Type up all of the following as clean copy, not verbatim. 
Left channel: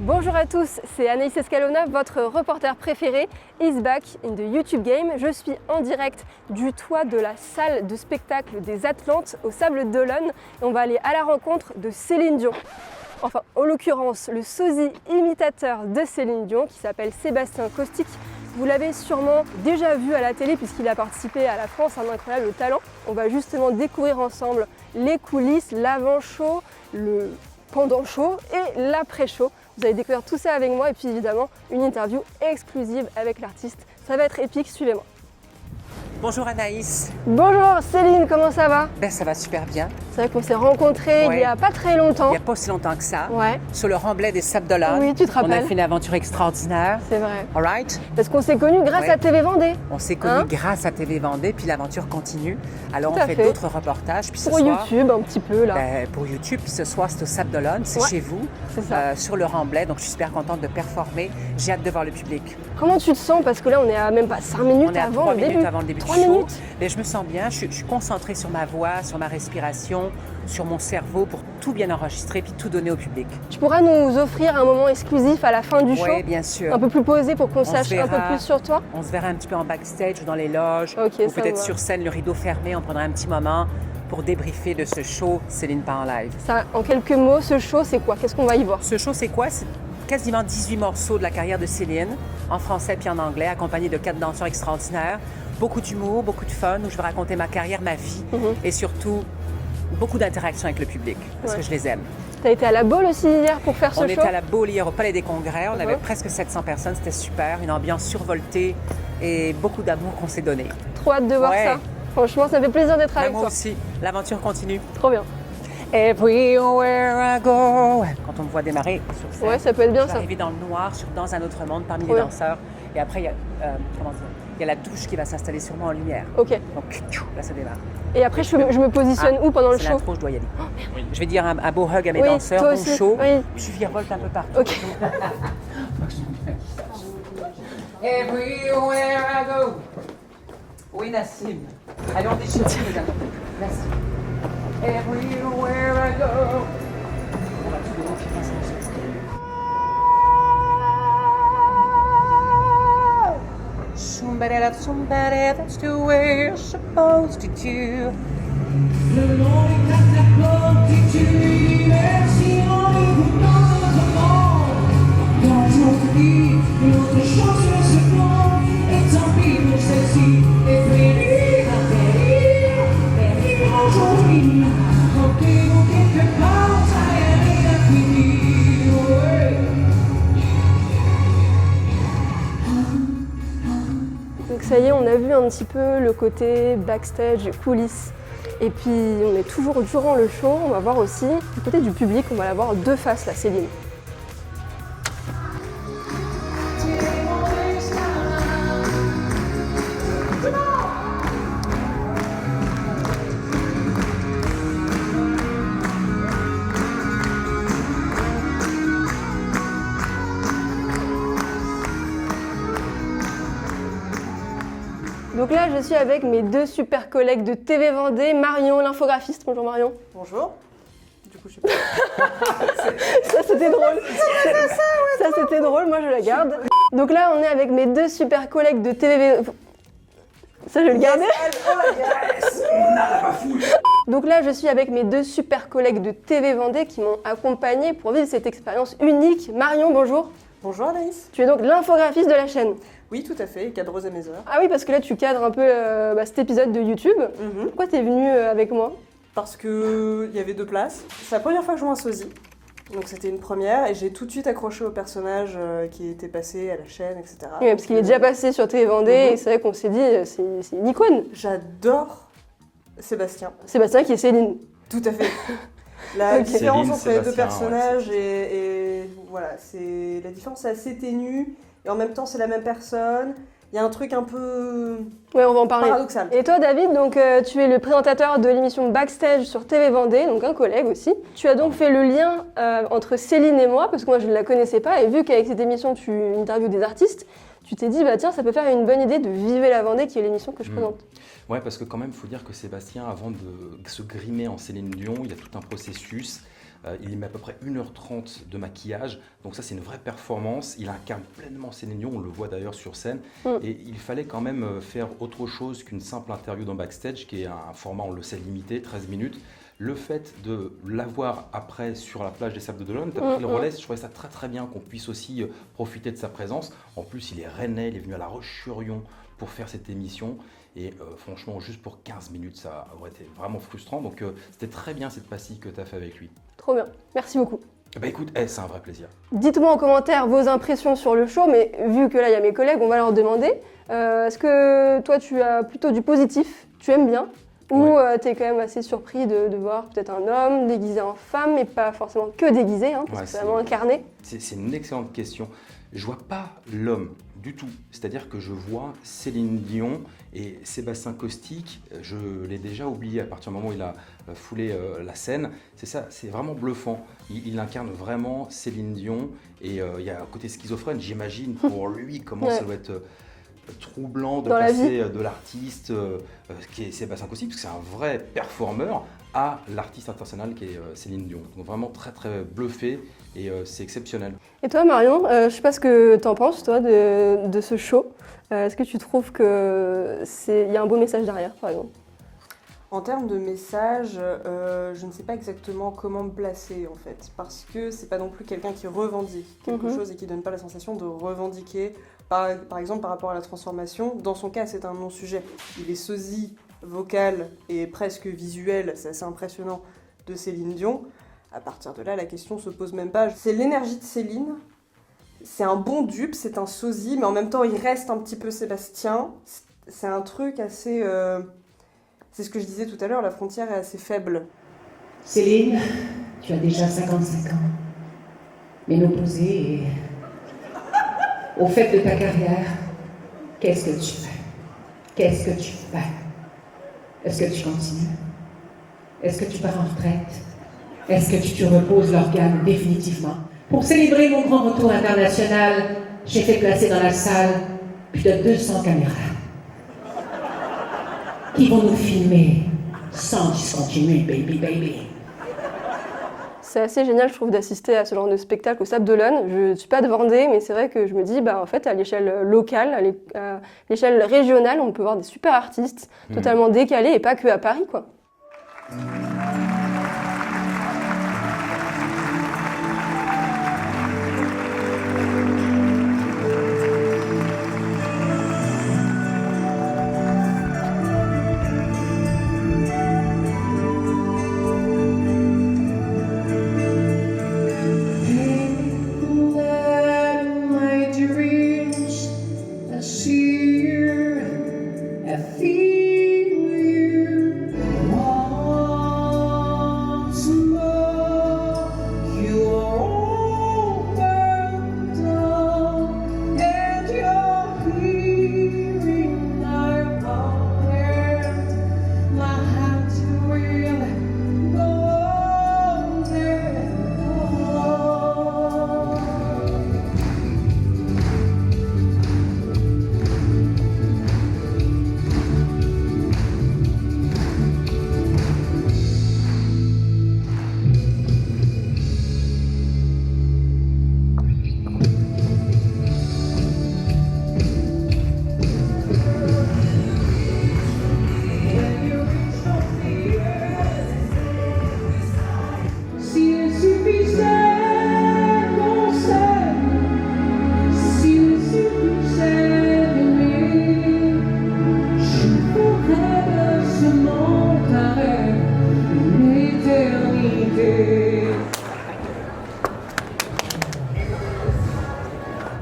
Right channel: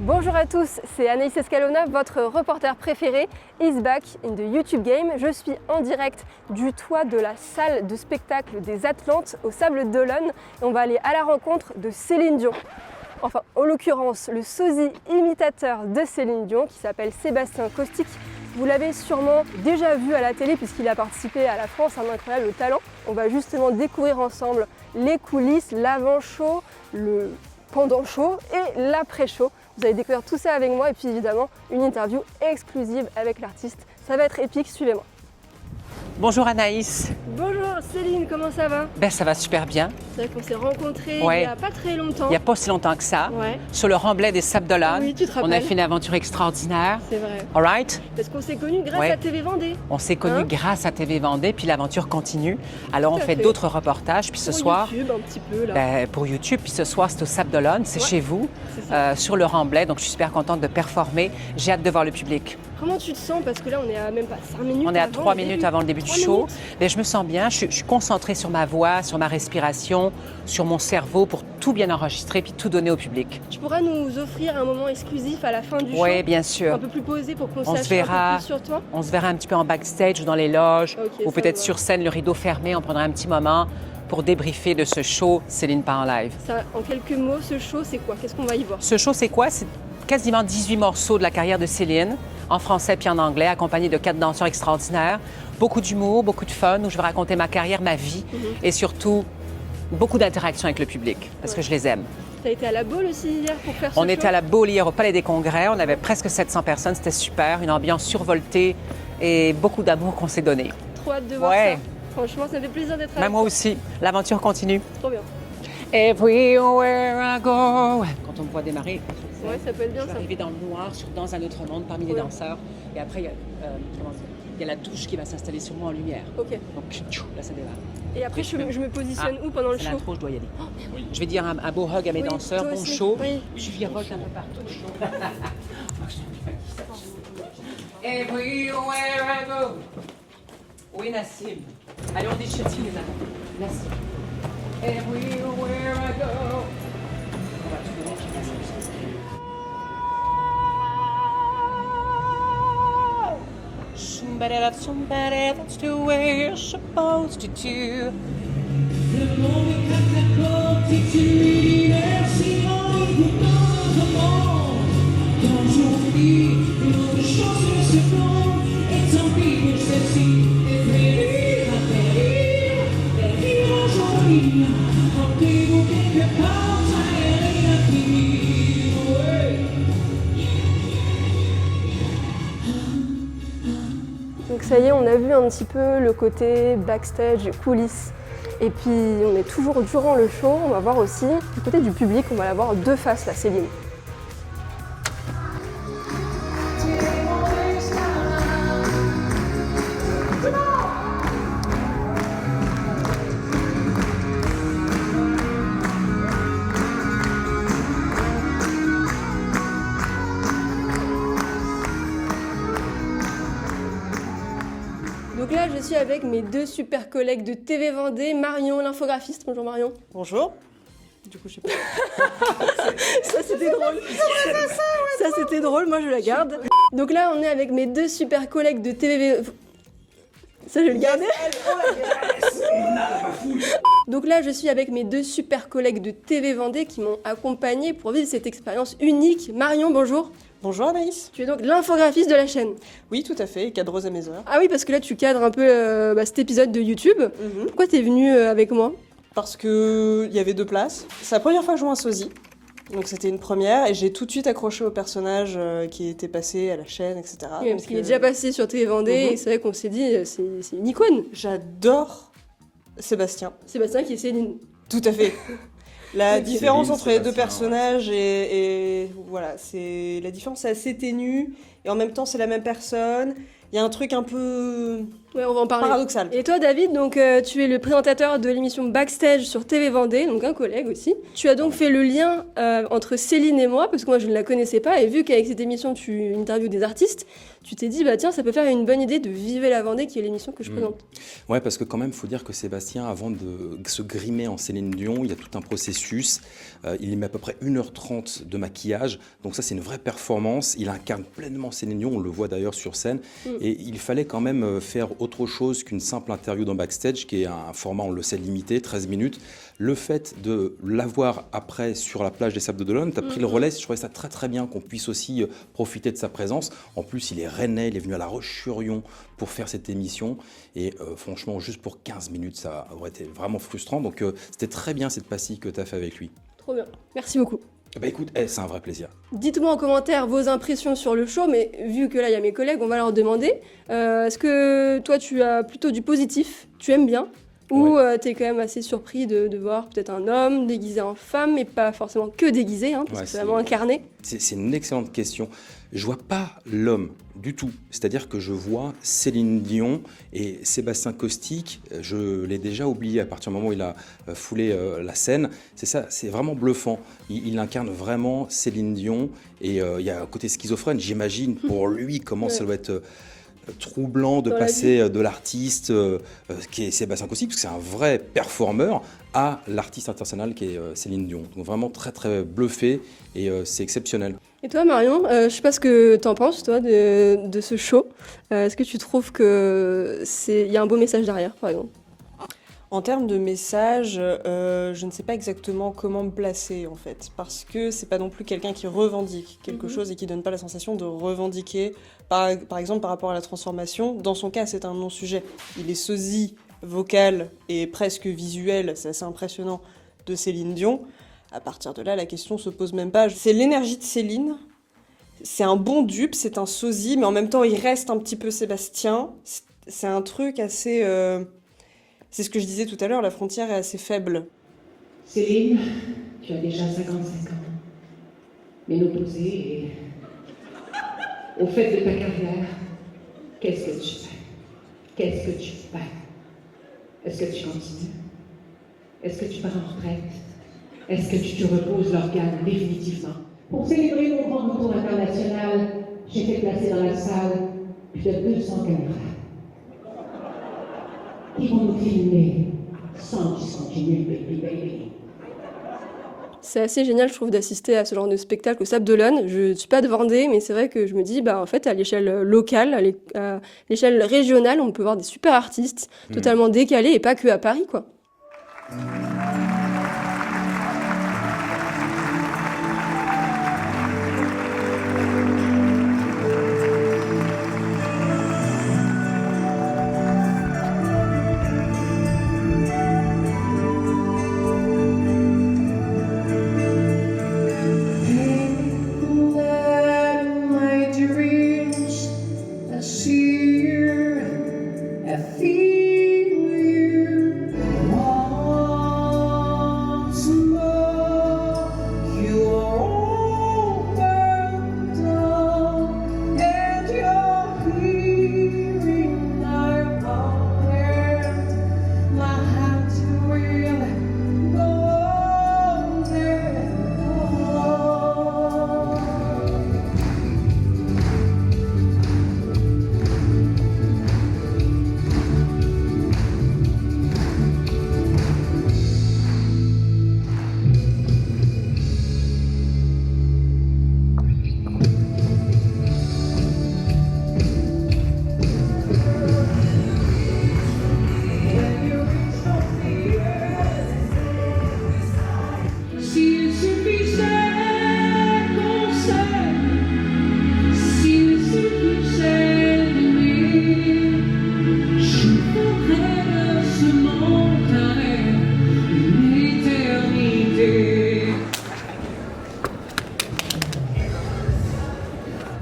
Bonjour à tous, c'est Anaïs Escalona, votre reporter préféré, is back in the YouTube game. Je suis en direct du toit de la salle de spectacle des Atlantes au Sables d'Olonne et on va aller à la rencontre de Céline Dion. Enfin, en l'occurrence, le sosie imitateur de Céline Dion qui s'appelle Sébastien Caustic. Vous l'avez sûrement déjà vu à la télé puisqu'il a participé à La France, un incroyable talent. On va justement découvrir ensemble les coulisses, l'avant-show, le pendant-show et l'après-show. Vous allez découvrir tout ça avec moi et puis évidemment une interview exclusive avec l'artiste. Ça va être épique, suivez-moi. Bonjour Anaïs. Bonjour Céline, comment ça va? Ben, ça va super bien. C'est vrai qu'on s'est rencontrés il n'y a pas très longtemps. Il n'y a pas si longtemps que ça. Ouais. Sur le remblai des Sables d'Olonne. Oui, tu te rappelles. On a fait une aventure extraordinaire. C'est vrai. All right? Parce qu'on s'est connus grâce à TV Vendée. On s'est connus grâce à TV Vendée, puis l'aventure continue. Alors Tout on à fait fait. d'autres reportages. Puis ce Pour soir, YouTube un petit peu là. pour YouTube, puis ce soir c'est au Sables d'Olonne, c'est Ouais. chez vous, C'est ça. sur le remblai. Donc je suis super contente de performer. J'ai hâte de voir le public. Comment tu te sens? Parce que là on est à même pas 5 minutes On est à avant 3 le minutes début. avant le début du 3 show. minutes. Mais je me sens bien, je suis concentrée sur ma voix, sur ma respiration, sur mon cerveau pour tout bien enregistrer puis tout donner au public. Tu pourras nous offrir un moment exclusif à la fin du show? Oui, bien sûr. Un peu plus posé pour qu'on On sache se un peu verra. plus sur toi? On se verra un petit peu en backstage ou dans les loges, Ok, ou ça peut-être va. sur scène, le rideau fermé. On prendra un petit moment pour débriefer de ce show Céline pas en live. Ça, en quelques mots, ce show c'est quoi? Qu'est-ce qu'on va y voir? Ce show, c'est quoi? C'est quasiment 18 morceaux de la carrière de Céline, en français puis en anglais, accompagnés de 4 danseurs extraordinaires. Beaucoup d'humour, beaucoup de fun, où je vais raconter ma carrière, ma vie, et surtout beaucoup d'interactions avec le public, parce que je les aime. T'as été à la Baule aussi hier pour faire ce On show? était à la Baule hier au Palais des Congrès, on avait presque 700 personnes, c'était super, une ambiance survoltée et beaucoup d'amour qu'on s'est donné. Trop hâte de voir Ouais. ça. Franchement, ça me fait plaisir d'être avec Moi toi. aussi, l'aventure continue. Trop bien. Everywhere I go. Quand on me voit démarrer sur scène, Ouais, ça peut être bien je vais ça. arriver dans le noir, dans un autre monde, parmi les Ouais. danseurs. Et après, il y a, il y a la douche qui va s'installer sur moi en lumière. Ok. Donc, là, ça démarre. Et après, je me positionne où pendant le C'est show? l'intro, je dois y aller. Je vais dire un beau hug à mes Oui, danseurs, toi bon aussi. show. Oui. Puis je virevolte un peu partout. Ok. Everywhere I go. Oui, Nassim. Allez, on déchire. Nassim. Everywhere I go. Somebody loves somebody, that's the way you're supposed to do. Donc ça y est, on a vu un petit peu le côté backstage, coulisses. Et puis on est toujours durant le show, on va voir aussi du côté du public, on va la voir deux faces la Céline. Donc là, je suis avec mes deux super collègues de TV Vendée, Marion, l'infographiste. Bonjour Marion. Bonjour. Du coup, je sais pas. Ça c'était drôle. Ça c'était drôle, moi je la garde. Donc là, on est avec mes deux super collègues de TV. Ça, je vais le garder. Donc là, je suis avec mes deux super collègues de TV Vendée qui m'ont accompagnée pour vivre cette expérience unique. Marion, bonjour. Bonjour Anaïs. Tu es donc l'infographiste de la chaîne. Oui, tout à fait, cadreuse à mes heures. Ah oui, parce que là, tu cadres un peu cet épisode de YouTube. Pourquoi t'es venue avec moi? Parce qu'il y avait 2 places. C'est la première fois que je joue un sosie. Donc c'était une première et j'ai tout de suite accroché au personnage qui était passé à la chaîne, etc. Oui, parce qu'il est déjà passé sur TV Vendée et c'est vrai qu'on s'est dit, c'est une icône. J'adore Sébastien. Sébastien qui est Céline. Tout à fait. La Ok. différence Céline, entre les deux Sébastien, personnages et voilà, c'est la différence est assez ténue et en même temps c'est la même personne. Il y a un truc un peu Ouais, on va en parler. paradoxal. Et toi, David, donc, tu es le présentateur de l'émission Backstage sur TV Vendée, donc un collègue aussi. Tu as donc fait le lien entre Céline et moi, parce que moi je ne la connaissais pas, et vu qu'avec cette émission tu interviews des artistes, tu t'es dit, bah tiens, ça peut faire une bonne idée de Vivez la Vendée, qui est l'émission que je présente. Ouais, parce que quand même, il faut dire que Sébastien, avant de se grimer en Céline Dion, il y a tout un processus Il met à peu près 1h30 de maquillage. Donc ça, c'est une vraie performance. Il incarne pleinement Céline Dion. On le voit d'ailleurs sur scène. Et il fallait quand même faire autre chose qu'une simple interview dans Backstage, qui est un format, on le sait, limité, 13 minutes. Le fait de l'avoir après sur la plage des Sables d'Olonne, tu as pris le relais. Je trouvais ça très très bien qu'on puisse aussi profiter de sa présence. En plus, il est rennais, il est venu à La Roche-sur-Yon pour faire cette émission. Et franchement, juste pour 15 minutes, ça aurait été vraiment frustrant. Donc c'était très bien cette pastille que tu as fait avec lui. Trop bien, merci beaucoup. Bah écoute, c'est un vrai plaisir. Dites-moi en commentaire vos impressions sur le show, mais vu que là il y a mes collègues, on va leur demander. Est-ce que toi tu as plutôt du positif, tu aimes bien, ou tu es quand même assez surpris de voir peut-être un homme déguisé en femme, mais pas forcément que déguisé, parce que c'est vraiment incarné. C'est une excellente question. Je vois pas l'homme du tout. C'est-à-dire que je vois Céline Dion et Sébastien Caustic. Je l'ai déjà oublié à partir du moment où il a foulé la scène. C'est ça, c'est vraiment bluffant. Il incarne vraiment Céline Dion et il y a un côté schizophrène, j'imagine, pour lui, comment ça doit être troublant de passer de l'artiste qui est Sébastien Caustic, parce que c'est un vrai performeur, à l'artiste international qui est Céline Dion. Donc vraiment très très bluffé et c'est exceptionnel. Et toi Marion, je ne sais pas ce que tu en penses toi de ce show. Est-ce que tu trouves qu'il y a un beau message derrière par exemple? En termes de message, je ne sais pas exactement comment me placer en fait, parce que c'est pas non plus quelqu'un qui revendique quelque chose et qui donne pas la sensation de revendiquer. Par exemple, par rapport à la transformation, dans son cas, c'est un non-sujet. Il est sosie vocal et presque visuel, c'est assez impressionnant, de Céline Dion. À partir de là, la question se pose même pas. C'est l'énergie de Céline. C'est un bon dupe, c'est un sosie, mais en même temps, il reste un petit peu Sébastien. C'est un truc assez... C'est ce que je disais tout à l'heure, la frontière est assez faible. Céline, tu as déjà 55 ans. Ménopausée et... Au fait de ta carrière, qu'est-ce que tu fais? Qu'est-ce que tu fais? Est-ce que tu continues? Est-ce que tu pars en retraite? Est-ce que tu te reposes l'organe définitivement? Pour célébrer mon grand retour international, j'ai fait placer dans la salle plus de 200 caméras qui vont nous filmer sans discontinuer, baby. C'est assez génial, je trouve, d'assister à ce genre de spectacle au Sables d'Olonne. Je ne suis pas de Vendée, mais c'est vrai que je me dis, en fait, à l'échelle locale, à l'échelle régionale, on peut voir des super artistes totalement décalés et pas que à Paris, quoi.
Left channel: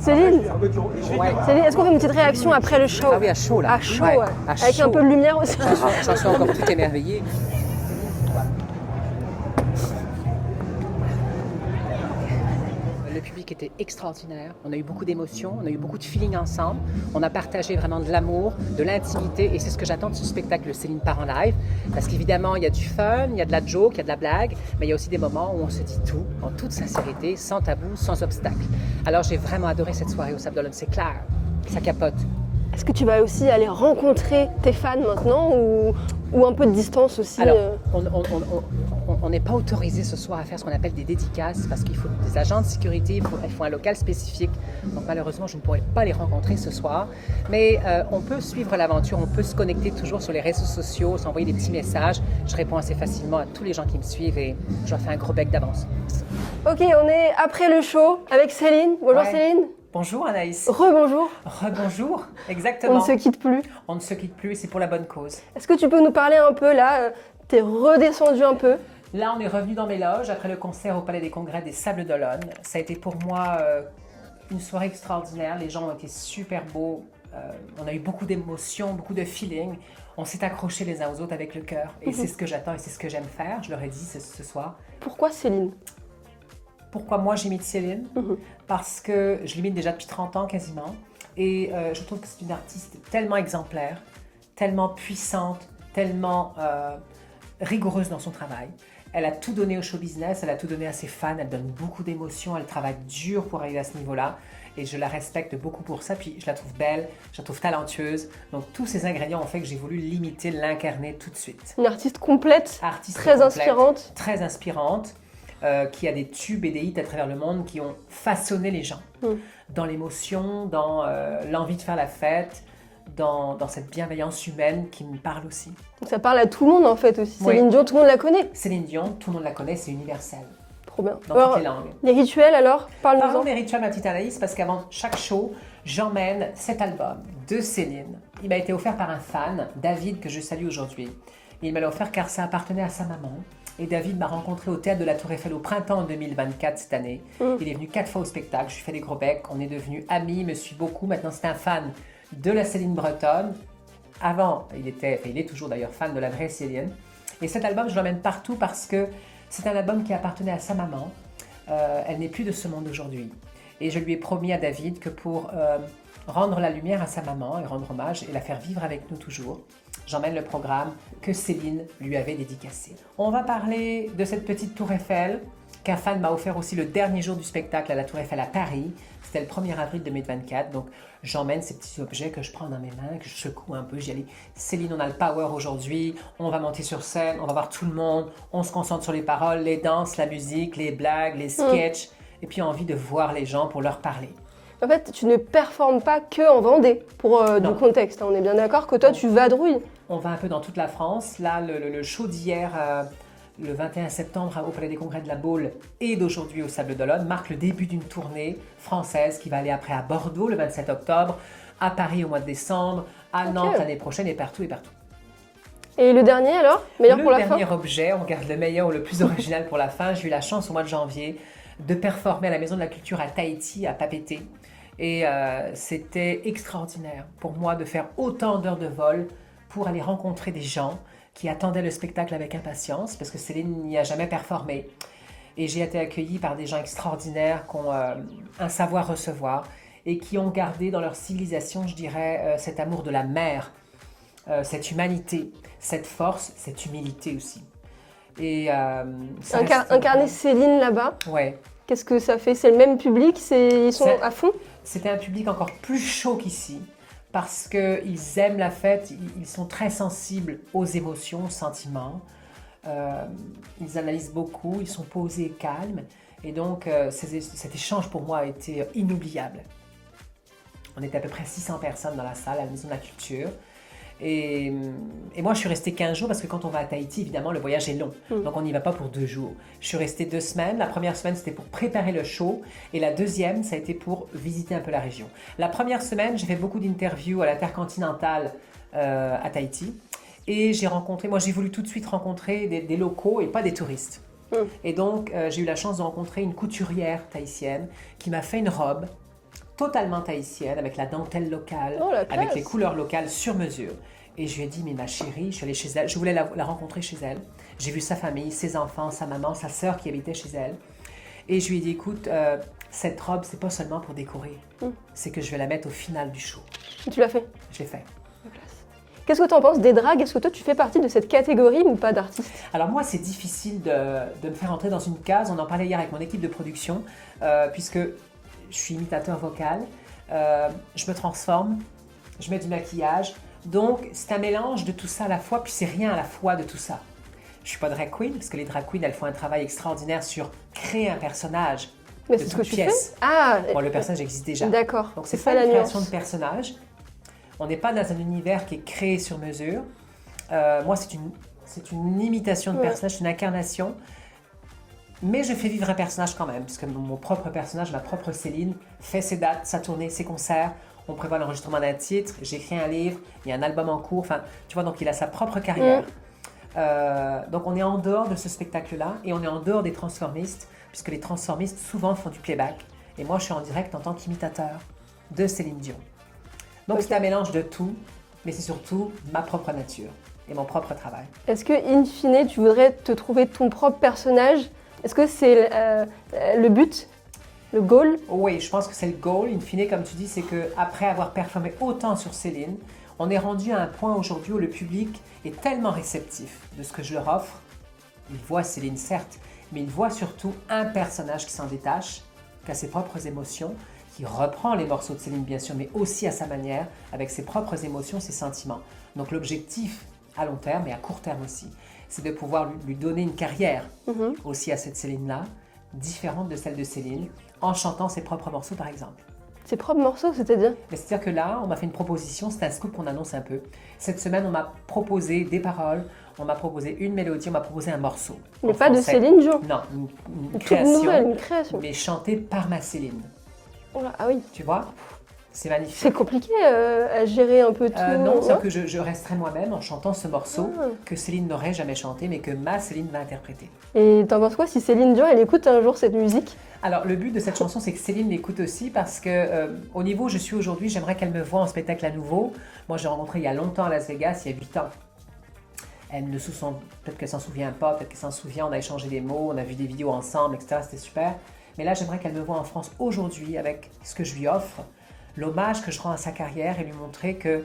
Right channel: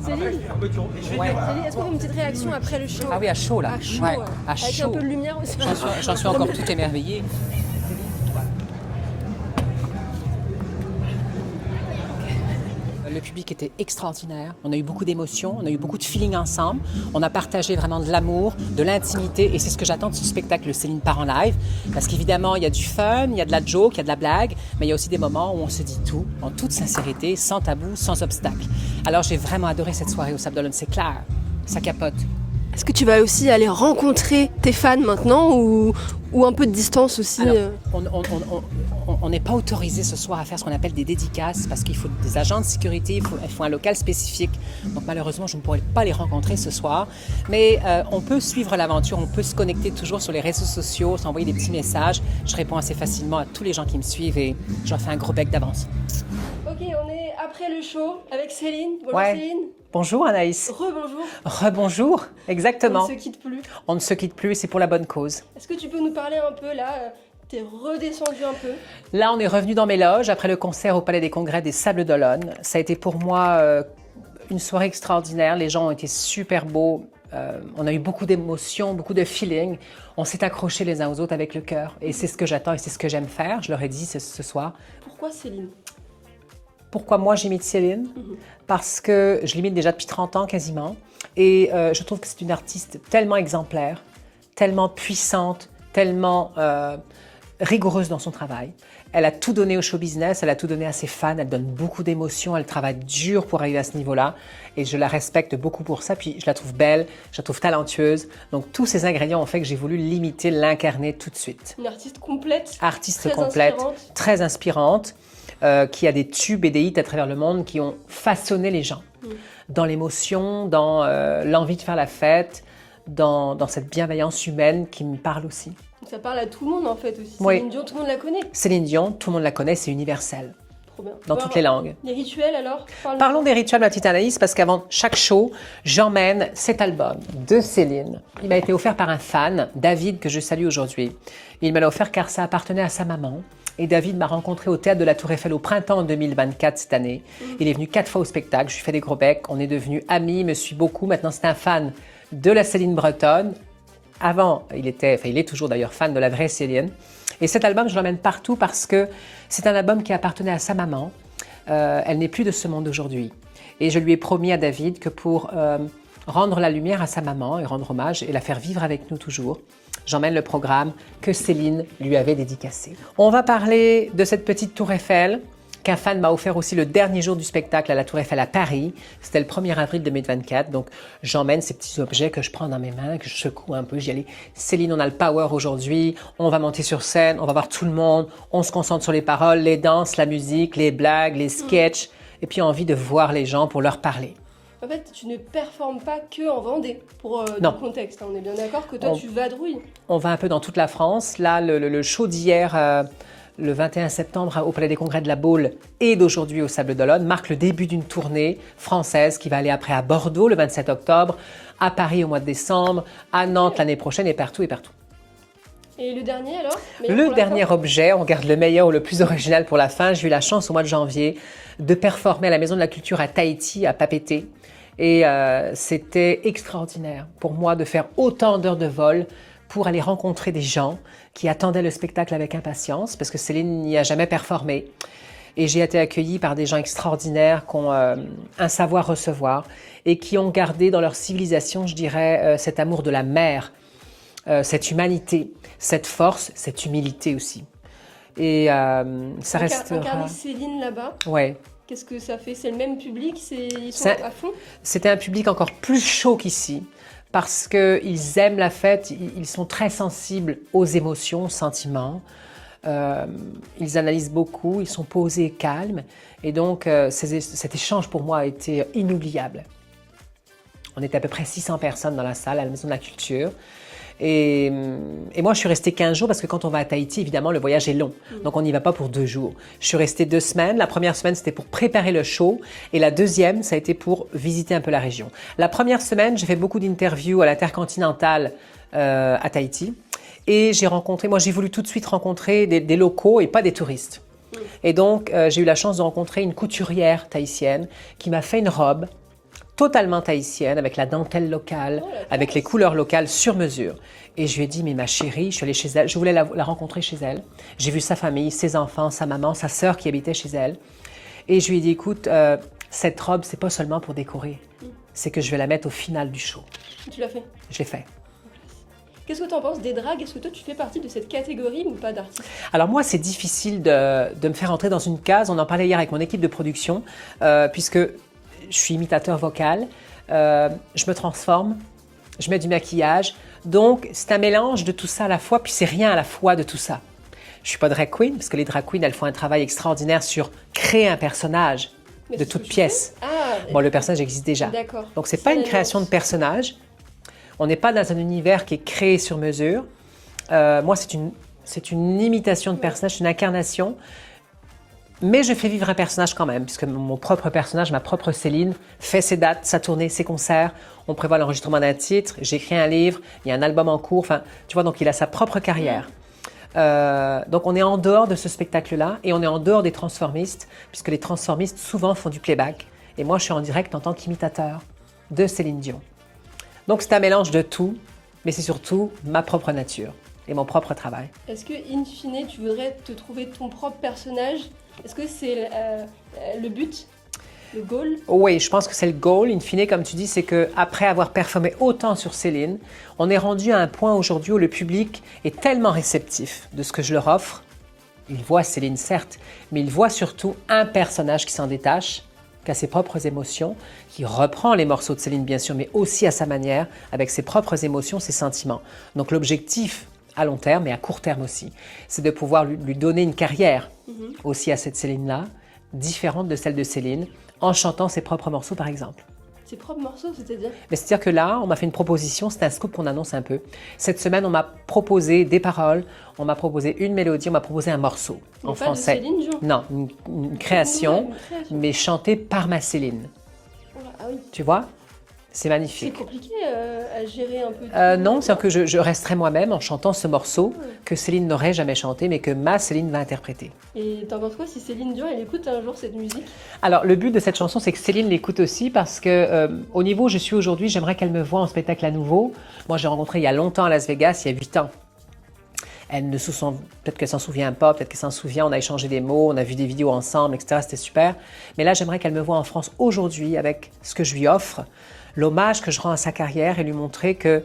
Céline, est-ce qu'on fait une petite réaction après le show? Ah oui, à chaud là. À chaud, Ouais, ouais. à Avec chaud. un peu de lumière aussi. J'en suis encore tout émerveillée. Le public était extraordinaire. On a eu beaucoup d'émotions, on a eu beaucoup de feeling ensemble. On a partagé vraiment de l'amour, de l'intimité. Et c'est ce que j'attends de ce spectacle Céline part en live. Parce qu'évidemment, il y a du fun, il y a de la joke, il y a de la blague. Mais il y a aussi des moments où on se dit tout, en toute sincérité, sans tabou, sans obstacle. Alors j'ai vraiment adoré cette soirée au Sables d'Olonne. C'est clair, ça capote. Est-ce que tu vas aussi aller rencontrer tes fans maintenant ou un peu de distance aussi? Alors, on on n'est pas autorisé ce soir à faire ce qu'on appelle des dédicaces parce qu'il faut des agents de sécurité, il faut un local spécifique. Donc malheureusement, je ne pourrai pas les rencontrer ce soir. Mais on peut suivre l'aventure, on peut se connecter toujours sur les réseaux sociaux, s'envoyer des petits messages. Je réponds assez facilement à tous les gens qui me suivent et je leur fais un gros bec d'avance. Ok, on est après le show avec Céline. Bonjour Ouais. Céline. Bonjour Anaïs. Rebonjour. Rebonjour, On exactement. ne se quitte plus. On ne se quitte plus, c'est pour la bonne cause. Est-ce que tu peux nous parler un peu là t'es redescendu un peu. Là, on est revenu dans mes loges après le concert au Palais des Congrès des Sables d'Olonne. Ça a été pour moi une soirée extraordinaire. Les gens ont été super beaux. On a eu beaucoup d'émotions, beaucoup de feeling. On s'est accrochés les uns aux autres avec le cœur. Et c'est ce que j'attends et c'est ce que j'aime faire. Je leur ai dit ce soir. Pourquoi Céline? Pourquoi moi j'imite Céline? Parce que je l'imite déjà depuis 30 ans quasiment. Et je trouve que c'est une artiste tellement exemplaire, tellement puissante, tellement rigoureuse dans son travail. Elle a tout donné au show business, elle a tout donné à ses fans, elle donne beaucoup d'émotions, elle travaille dur pour arriver à ce niveau-là. Et je la respecte beaucoup pour ça. Puis je la trouve belle, je la trouve talentueuse. Donc tous ces ingrédients ont fait que j'ai voulu l'imiter, l'incarner tout de suite. Une artiste complète, Artiste très complète, inspirante. très inspirante, qui a des tubes et des hits à travers le monde qui ont façonné les gens. Dans l'émotion, dans l'envie de faire la fête, dans cette bienveillance humaine qui me parle aussi. Donc ça parle à tout le monde en fait aussi. Oui. Céline Dion, tout le monde la connaît. Céline Dion, tout le monde la connaît, c'est universel, Trop bien. dans Alors, toutes les langues. Les rituels alors? Parle-nous-en. Parlons des rituels, ma petite Anaïs, parce qu'avant chaque show, j'emmène cet album de Céline. Il m'a été offert par un fan, David, que je salue aujourd'hui. Il me l'a offert car ça appartenait à sa maman. Et David m'a rencontré au Théâtre de la Tour Eiffel au printemps 2024 cette année. Il est venu 4 fois au spectacle, je lui fais des gros becs, on est devenus amis, il me suit beaucoup. Maintenant, c'est un fan de la Céline bretonne. Avant, il est toujours d'ailleurs fan de la vraie Céline. Et cet album, je l'emmène partout parce que c'est un album qui appartenait à sa maman. Elle n'est plus de ce monde aujourd'hui. Et je lui ai promis à David que pour rendre la lumière à sa maman et rendre hommage et la faire vivre avec nous toujours, j'emmène le programme que Céline lui avait dédicacé. On va parler de cette petite tour Eiffel qu'un fan m'a offert aussi le dernier jour du spectacle à la Tour Eiffel à Paris. C'était le 1er avril 2024. Donc, j'emmène ces petits objets que je prends dans mes mains, que je secoue un peu. J'y allais, Céline, on a le power aujourd'hui. On va monter sur scène, on va voir tout le monde. On se concentre sur les paroles, les danses, la musique, les blagues, les sketchs. Et puis, envie de voir les gens pour leur parler. En fait, tu ne performes pas que en Vendée, pour Non. du contexte. On est bien d'accord que toi, On- tu vadrouilles. On va un peu dans toute la France. Là, le show d'hier, le 21 septembre au Palais des Congrès de la Baule et d'aujourd'hui au Sables d'Olonne, marque le début d'une tournée française qui va aller après à Bordeaux le 27 octobre, à Paris au mois de décembre, à Nantes l'année prochaine et partout et partout. Et le dernier alors? Meilleur Le pour la dernier fin? objet, on garde le meilleur ou le plus original pour la fin. J'ai eu la chance au mois de janvier de performer à la Maison de la Culture à Tahiti, à Papeete. Et c'était extraordinaire pour moi de faire autant d'heures de vol pour aller rencontrer des gens qui attendaient le spectacle avec impatience, parce que Céline n'y a jamais performé. Et j'ai été accueillie par des gens extraordinaires qui ont un savoir-recevoir et qui ont gardé dans leur civilisation, je dirais, cet amour de la mer, cette humanité, cette force, cette humilité aussi. Et ça reste... Incarner Céline là-bas, Ouais. qu'est-ce que ça fait? C'est le même public? Ils sont C'est- à fond? C'était un public encore plus chaud qu'ici parce qu'ils aiment la fête, ils sont très sensibles aux émotions, aux sentiments. Ils analysent beaucoup, ils sont posés et calmes. Et donc, cet échange pour moi a été inoubliable. On était à peu près 600 personnes dans la salle à la Maison de la Culture. Et moi, je suis restée 15 jours parce que quand on va à Tahiti, évidemment, le voyage est long. Donc, on n'y va pas pour 2 jours. Je suis restée 2 semaines. La première semaine, c'était pour préparer le show. Et la deuxième, ça a été pour visiter un peu la région. La première semaine, j'ai fait beaucoup d'interviews à l'Intercontinental à Tahiti. Et j'ai voulu tout de suite rencontrer des locaux et pas des touristes. Et donc, j'ai eu la chance de rencontrer une couturière tahitienne qui m'a fait une robe totalement tahitienne, avec la dentelle locale, Oh, la classe. avec les couleurs locales sur mesure. Et je lui ai dit, mais ma chérie, je suis allée chez elle, je voulais la rencontrer chez elle. J'ai vu sa famille, ses enfants, sa maman, sa sœur qui habitait chez elle. Et je lui ai dit, écoute, cette robe, c'est pas seulement pour décorer, c'est que je vais la mettre au final du show. Tu l'as fait. Je l'ai fait. Qu'est-ce que tu en penses des dragues? Est-ce que toi, tu fais partie de cette catégorie ou pas d'artiste? Alors moi, c'est difficile de me faire entrer dans une case. On en parlait hier avec mon équipe de production, puisque je suis imitateur vocal, je me transforme, je mets du maquillage. Donc, c'est un mélange de tout ça à la fois, puis c'est rien à la fois de tout ça. Je suis pas drag queen, parce que les drag queens, elles font un travail extraordinaire sur créer un personnage Mais de c'est ce toute que tu pièce. fais. Ah, Bon, le personnage existe déjà. d'accord. Donc, c'est ça pas la une création de nuance. personnage. On n'est pas dans un univers qui est créé sur mesure. Moi, c'est une imitation de Ouais. personnage, c'est une incarnation. Mais je fais vivre un personnage quand même, puisque mon propre personnage, ma propre Céline, fait ses dates, sa tournée, ses concerts. On prévoit l'enregistrement d'un titre, j'écris un livre, il y a un album en cours. Enfin, tu vois, donc il a sa propre carrière. Donc on est en dehors de ce spectacle-là et on est en dehors des transformistes, puisque les transformistes souvent font du playback. Et moi, je suis en direct en tant qu'imitateur de Céline Dion. Donc c'est un mélange de tout, mais c'est surtout ma propre nature et mon propre travail. Est-ce que, in fine, tu voudrais te trouver ton propre personnage? Est-ce que c'est le but? Le goal? Oui, je pense que c'est le goal. In fine, comme tu dis, c'est qu'après avoir performé autant sur Céline, on est rendu à un point aujourd'hui où le public est tellement réceptif de ce que je leur offre. Il voit Céline, certes, mais il voit surtout un personnage qui s'en détache, qui a ses propres émotions, qui reprend les morceaux de Céline, bien sûr, mais aussi à sa manière, avec ses propres émotions, ses sentiments. Donc l'objectif, à long terme et à court terme aussi, c'est de pouvoir lui donner une carrière aussi à cette Céline-là, différente de celle de Céline, en chantant ses propres morceaux, par exemple. Ses propres morceaux, c'est-à-dire? Mais c'est-à-dire que là, on m'a fait une proposition, c'est un scoop qu'on annonce un peu. Cette semaine, on m'a proposé des paroles, on m'a proposé une mélodie, on m'a proposé un morceau. Mais en pas de français. Céline Dion. Non, une Toute création, nouvelle, une création. mais chantée par ma Céline. Oh là, ah oui. Tu vois? C'est C'est magnifique. compliqué à gérer un peu tout. Non, c'est que je resterai moi-même en chantant ce morceau Ah. que Céline n'aurait jamais chanté, mais que ma Céline va interpréter. Et t'en penses quoi si Céline Dion, elle écoute un jour cette musique? Alors, le but de cette chanson, c'est que Céline l'écoute aussi parce que au niveau où je suis aujourd'hui, j'aimerais qu'elle me voie en spectacle à nouveau. Moi, j'ai rencontré il y a longtemps à Las Vegas, il y a 8 ans. Elle ne se sent, peut-être qu'elle s'en souvient pas, peut-être qu'elle s'en souvient, on a échangé des mots, on a vu des vidéos ensemble, etc. C'était super. Mais là, j'aimerais qu'elle me voie en France aujourd'hui avec ce que je lui offre, l'hommage que je rends à sa carrière et lui montrer que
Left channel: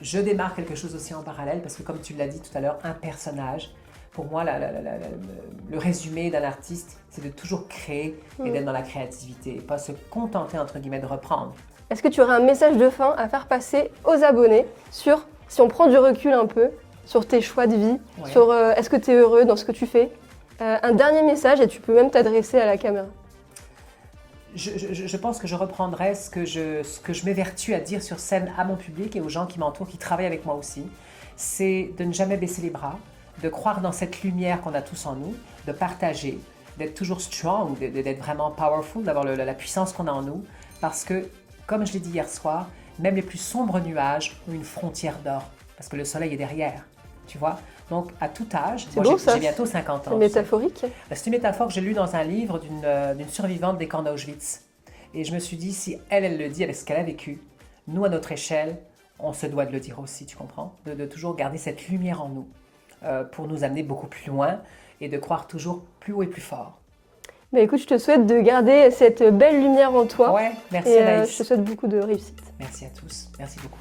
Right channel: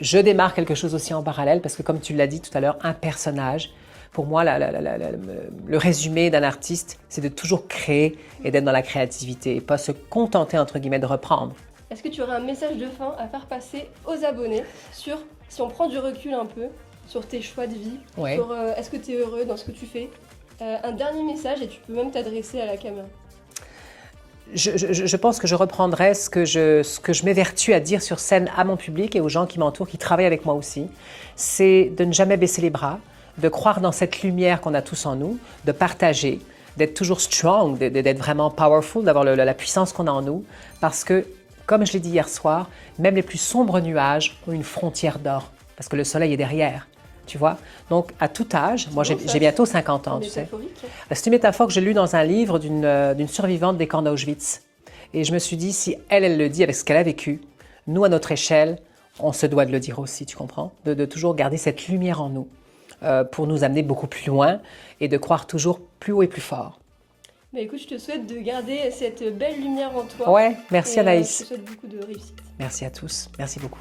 je démarre quelque chose aussi en parallèle parce que, comme tu l'as dit tout à l'heure, un personnage. Pour moi, le résumé d'un artiste, c'est de toujours créer et d'être dans la créativité et pas se contenter, entre guillemets, de reprendre. Est-ce que tu aurais un message de fin à faire passer aux abonnés sur, si on prend du recul un peu, sur tes choix de vie, Ouais. sur est-ce que tu es heureux dans ce que tu fais? Un dernier message et tu peux même t'adresser à la caméra. Je pense que je reprendrai ce que je m'évertue à dire sur scène à mon public et aux gens qui m'entourent, qui travaillent avec moi aussi. C'est de ne jamais baisser les bras, de croire dans cette lumière qu'on a tous en nous, de partager, d'être toujours strong, d'être vraiment powerful, d'avoir la puissance qu'on a en nous. Parce que, comme je l'ai dit hier soir, même les plus sombres nuages ont une frontière d'or. Parce que le soleil est derrière, tu vois. Donc, à tout âge, moi beau, ça. j'ai bientôt 50 ans. C'est tu sais. métaphorique. C'est une métaphore que j'ai lue dans un livre d'une survivante des camps d'Auschwitz. Et je me suis dit, si elle le dit avec ce qu'elle a vécu, nous, à notre échelle, on se doit de le dire aussi, tu comprends? De toujours garder cette lumière en nous pour nous amener beaucoup plus loin et de croire toujours plus haut et plus fort. Bah écoute, je te souhaite de garder cette belle lumière en toi. Ouais, merci Et, Anaïs. je te souhaite beaucoup de réussite. Merci à tous. Merci beaucoup.